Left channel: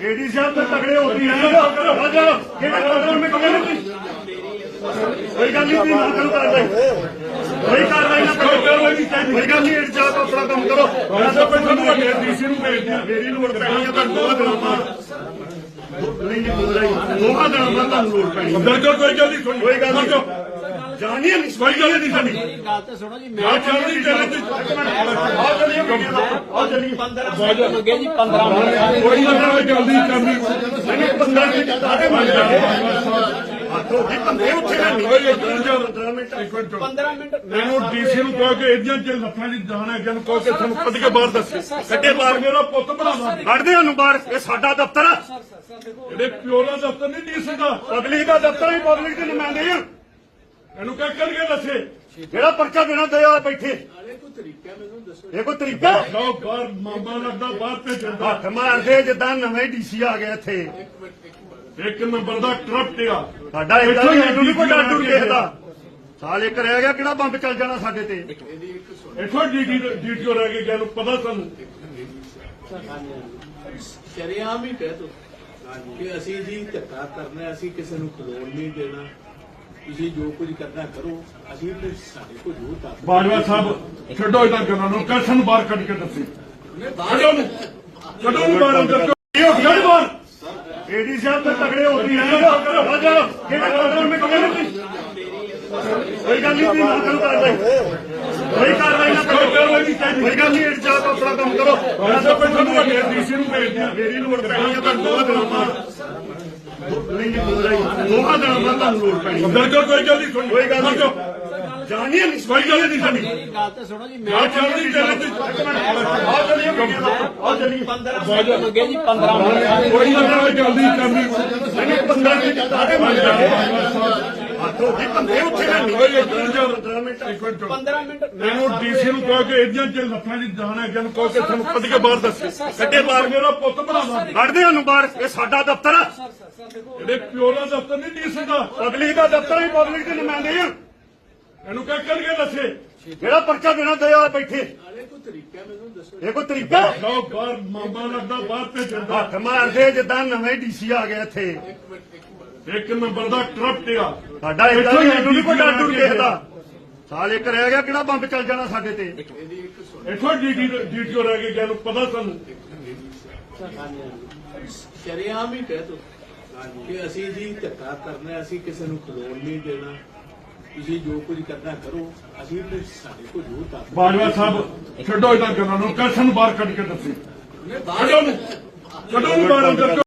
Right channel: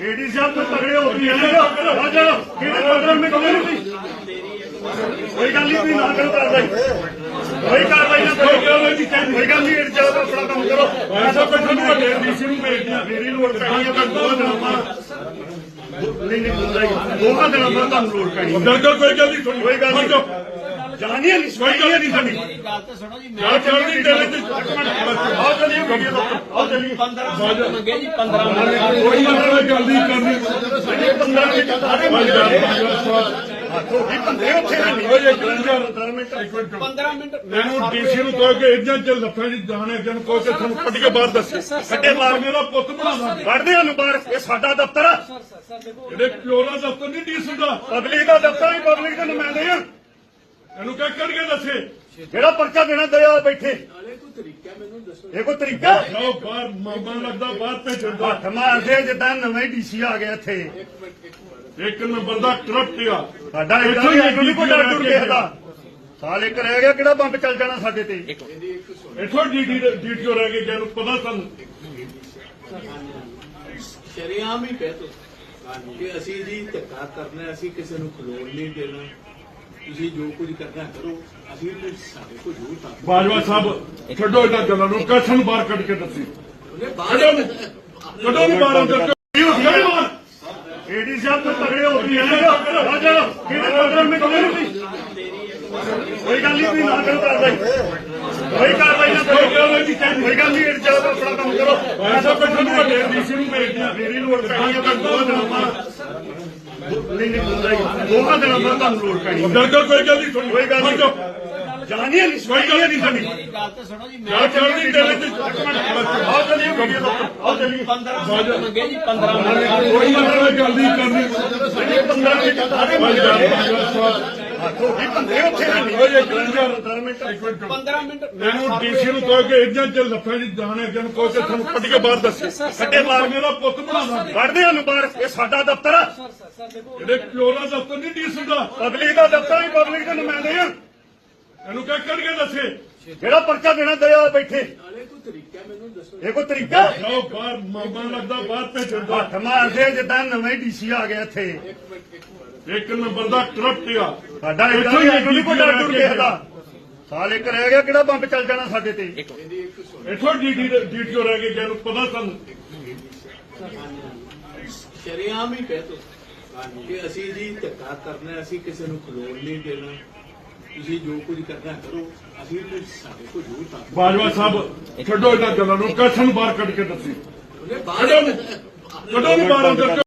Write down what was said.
ਏਡੀ ਸਾਹਿਬ ਤੋਂ ਤਗੜੇ ਹੋ ਗਏ ਜਾ। ਜਿਹੜਾ ਪ੍ਰੋਗਰਾਮ ਵਿੱਚ ਨਹੀਂ ਕੋਈ ਗੱਲ ਨਹੀਂ ਨਾ ਕਰੋ ਕਾਰਵਾਈ ਕੋਈ ਕਾਰਵਾਈ ਨਾ ਕੋਈ ਕਾਰਵਾਈ ਨਹੀਂ ਚਾਹੀਦੀ ਕੋਈ ਗੱਲ ਨਹੀਂ ਚਲੋ ਆਪਣਾ ਕੰਮ ਕਰੋ। ਐਸਾ ਪੈਸਾ ਨੂੰ ਵੱਡੇ ਡੀਸੀ ਨੂੰ ਭੇਜ ਦਿਆਂ। ਫੇਰੀ ਨੂੰ ਵੱਡੇ ਤਾਂ ਦੋ ਦਿਨਾਂ ਨਹੀਂ ਨਹੀਂ ਦੋਹਾਂ ਦਿਨਾਂ ਬਾਅਦ ਤੁਹਾਨੂੰ ਲੋੜ ਪੈਣੀ ਬਿਲਕੁਲ ਕੋਈ ਗੱਲ ਨਹੀਂ ਕੋਈ ਗੱਲ ਨਹੀਂ। ਜਾਣੀ ਨਹੀਂ ਕੋਈ ਗੱਲ ਨਹੀਂ ਸਾਡੀ। ਗੱਲ ਤਾਂ ਸੁਣੋ ਜੀ ਗੱਲ ਚੱਲਦੀ ਚੱਲਦੀ ਆ ਚੱਲੀਏ ਆ ਚੱਲੀਏ 15 ਮੰਗੇ ਜੀ 15 ਮੰਗੇ ਕੋਈ ਨਾ ਜਲਦੀ ਕਰਨੀ ਬੰਦੇ ਉੱਥੇ ਨਹੀਂ ਹੋਏ ਇੱਕ ਮਿੰਟ 15 ਮਿੰਟ ਮੈਨੂੰ ਡੀਸੀ ਨੂੰ ਕਹੋ ਕਿ ਇੰਜਾਂ ਚ ਲੱਤਾਂ ਦੀ ਜਾਣ ਹੈ ਜਨ ਕਹੋ ਕਿ ਤੁਹਾਨੂੰ ਕੱਢ ਕੇ ਬਾਹਰ ਦੱਸੇ। ਕੱਢੇ ਬਾਹਰ ਮੇਰਾ ਪੁੱਤ ਬਣਾਵਾ ਕੱਢਦੀਆਂ ਨੂੰ ਬਾਹਰ ਇਹ ਸਾਡਾ ਦਫ਼ਤਰ ਆ। ਜਿਹੜੇ ਪਿਓ ਦਾ ਦਫ਼ਤਰ ਨਹੀਂ ਡੀਸੀ ਦਾ ਪਬਲਿਕ ਦਾ ਦਫ਼ਤਰ ਹੈ ਪਬਲਿਕ ਦੇ ਨੁਮਾਇੰਦੇ ਆ। ਇਹਨੂੰ ਕਹਿ ਕੱਢ ਕੇ ਦੱਸੇ। ਜਿਹੜਾ ਪਰਚਾ ਦੇਣਾ ਦੇ ਆ ਬੈਠੇ। ਕੋਈ ਤਰੀਕਾ ਮੈਨੂੰ ਦੱਸੋ। ਇਹ ਕੋਈ ਤਰੀਕਾ? ਲਓ ਬਾਹਰ ਮਾਮਾ ਲੱਗਦਾ ਬਾਹਰ ਭੇਜਣ ਦਾ ਹੱਥ ਮਾਰਦੇ ਜਿੱਦਾਂ ਨਵਾਂ ਹੀ ਡੀਸੀ ਆ ਗਿਆ ਇੱਥੇ। ਇੱਕ ਨੰਬਰ ਦਾ ਕਰਪਟ ਆ। ਸਾਡਾ ਇੱਥੋਂ ਹੀ ਨਹੀਂ ਕੋਈ ਟੁੱਟ ਟੁੱਟ ਕੇ ਦਾ ਸਾਲੇ ਕਰਿਆ ਗਿਆ ਕਿਹੜਾ ਬੰਬ ਚੱਲ ਜਾਣਾ ਸਾਡੇ ਤੇ? ਇੱਥੋਂ ਡੀਟੀ ਡੀਟੀਓ ਰਹਿ ਗਏ ਜਿਹਨੂੰ ਪਤਾ ਸਾਨੂੰ। ਸ਼ਰਿਆਮ ਹੀ ਕਹਿ ਤੋ ਕਿ ਅਸੀਂ ਜੀ ਧੱਕਾ ਕਰਨਾ ਅਸੀਂ ਕਿਸੇ ਨੂੰ ਖਲੋਣ ਨਹੀਂ ਦੇਣਾ। ਤੁਸੀਂ ਜੋ ਕੁਝ ਕਰਨਾ ਕਰੋ ਅਸੀਂ ਤੇ ਸਾਡੇ ਕੋਲ ਜੋ ਤਾਂ ਬਾਜਵਾ ਸਾਹਿਬ ਛੱਡੋ ਇਹਨਾਂ ਗੱਲਾਂ ਨੂੰ ਕੱਠ ਨੂੰ ਬਾਹਰ ਕੱਢ ਕੇ ਦੱਸੀ। ਕੱਢੋ ਨੂੰ ਕੱਢੋ ਨੂੰ ਬਾਹਰ ਅੰਦਰ ਗੜੀ ਮਾਰ ਏਡੀ ਸਾਹਿਬ ਤੋਂ ਤਗੜੇ ਹੋ ਗਏ ਆ ਜਾ ਜਿਹੜਾ ਪ੍ਰੋਗਰਾਮ ਵਿੱਚ ਨਹੀਂ ਕੋਈ ਗੱਲ ਨਹੀਂ ਨਾ ਕਰੋ ਕਾਰਵਾਈ ਕੋਈ ਕਾਰਵਾਈ ਨਾ ਕੋਈ ਕਾਰਵਾਈ ਨਹੀਂ ਚਾਹੀਦੀ ਕੋਈ ਗੱਲ ਨਹੀਂ ਚਲੋ ਆਪਣਾ ਕੰਮ ਕਰੋ। ਐਸਾ ਪੈਸਾ ਨੂੰ ਵੱਡੇ ਡੀਸੀ ਨੂੰ ਭੇਜ ਦਿਆਂ ਫੇਰੀ ਨੂੰ ਵੱਡੇ ਤਾਂ ਦੋ ਦਿਨਾਂ ਦਿਨਾਂ ਬਾਅਦ ਤੁਹਾਨੂੰ ਲੋੜ ਪੈਣੀ ਬਿਲਕੁਲ ਕੋਈ ਗੱਲ ਨਹੀਂ ਕੋਈ ਗੱਲ ਨਹੀਂ। ਜਾਣੀ ਨਹੀਂ ਕੋਈ ਗੱਲ ਨਹੀਂ ਸਾਡੀ ਗੱਲ ਤਾਂ ਸੁਣੋ ਜੀ ਚੱਲਦੀ ਚੱਲਦੀ ਆ ਚੱਲੀਏ ਆ ਚੱਲੀਏ 15 ਮੰਗੇ ਜੀ 15 ਮੰਗੇ ਕੋਈ ਨਾ ਜਲਦੀ ਕਰਨੀ ਬੰਦੇ ਉੱਥੇ ਨਹੀਂ ਹੋਏ ਇੱਕ ਮਿੰਟ 15 ਮਿੰਟ ਮੈਨੂੰ ਡੀਸੀ ਨੂੰ ਕਹੋ ਕਿ ਇੰਜਾਂ ਚ ਲੱਤਾਂ ਦੀ ਜਾਣ ਹੈ ਜਨ ਕਹੋ ਕਿ ਤੁਹਾਨੂੰ ਕੱਢ ਕੇ ਬਾਹਰ ਦੱਸੇ ਕੱਢੇ ਬਾਹਰ ਮੇਰਾ ਪੁੱਤ ਬਣਾਵਾ ਕੱਢਦੀਆਂ ਨੂੰ ਬਾਹਰ ਇਹ ਸਾਡਾ ਦਫ਼ਤਰ ਆ ਜਿਹੜੇ ਪਿਓ ਦਾ ਦਫ਼ਤਰ ਨਹੀਂ ਡੀਸੀ ਦਾ ਪਬਲਿਕ ਦਾ ਦਫ਼ਤਰ ਹੈ ਪਬਲਿਕ ਦੇ ਨੁਮਾਇੰਦੇ ਆ ਇਹਨੂੰ ਕਹਿ ਕੱਢ ਕੇ ਦੱਸੇ। ਜਿਹੜਾ ਪਰਚਾ ਦੇਣਾ ਦੇ ਆ ਬੈਠੇ। ਕੋਈ ਤਰੀਕਾ ਮੈਨੂੰ ਦੱਸੋ। ਇਹ ਕੋਈ ਤਰੀਕਾ ਲਓ ਬਾਹਰ ਮਾਮਾ ਲੱਗਦਾ ਬਾਹਰ ਭੇਜਣ ਦਾ ਹੱਥ ਮਾਰਦੇ ਜਿੱਦਾਂ ਨਵਾਂ ਹੀ ਡੀਸੀ ਆ ਗਿਆ ਇੱਥੇ। ਇੱਕ ਨੰਬਰ ਦਾ ਕਰਪਟ ਆ। ਸਾਡਾ ਇੱਥੋਂ ਹੀ ਨਹੀਂ ਕੋਈ ਟੁੱਟ ਟੁੱਟ ਕੇ ਦਾ ਸਾਲੇ ਕਰਿਆ ਗਿਆ ਕਿਹੜਾ ਬੰਬ ਚੱਲ ਜਾਣਾ ਸਾਡੇ ਤੇ? ਇੱਥੋਂ ਡੀਟੀ ਡੀਟੀਓ ਰਹਿ ਗਏ ਜਿਹਨੂੰ ਪਤਾ ਸਾਨੂੰ। ਸ਼ਰਿਆਮ ਹੀ ਕਹਿ ਤੋ ਕਿ ਅਸੀਂ ਜੀ ਧੱਕਾ ਕਰਨਾ ਅਸੀਂ ਕਿਸੇ ਨੂੰ ਖਲੋਣ ਨਹੀਂ ਦੇਣਾ। ਤੁਸੀਂ ਜੋ ਕੁਝ ਕਰਨਾ ਕਰੋ ਅਸੀਂ ਤੇ ਸਾਡੇ ਕੋਲ ਜੋ ਤਾਂ ਬਾਜਵਾ ਸਾਹਿਬ ਛੱਡੋ ਇਹਨਾਂ ਗੱਲਾਂ ਨੂੰ ਕੱਠ ਨੂੰ ਬਾਹਰ ਕੱਢ ਕੇ ਦੱਸੇ। ਉਹਨੇ ਕੱਢੋ ਨੂੰ ਬਾਹਰ ਅੰਦਰ।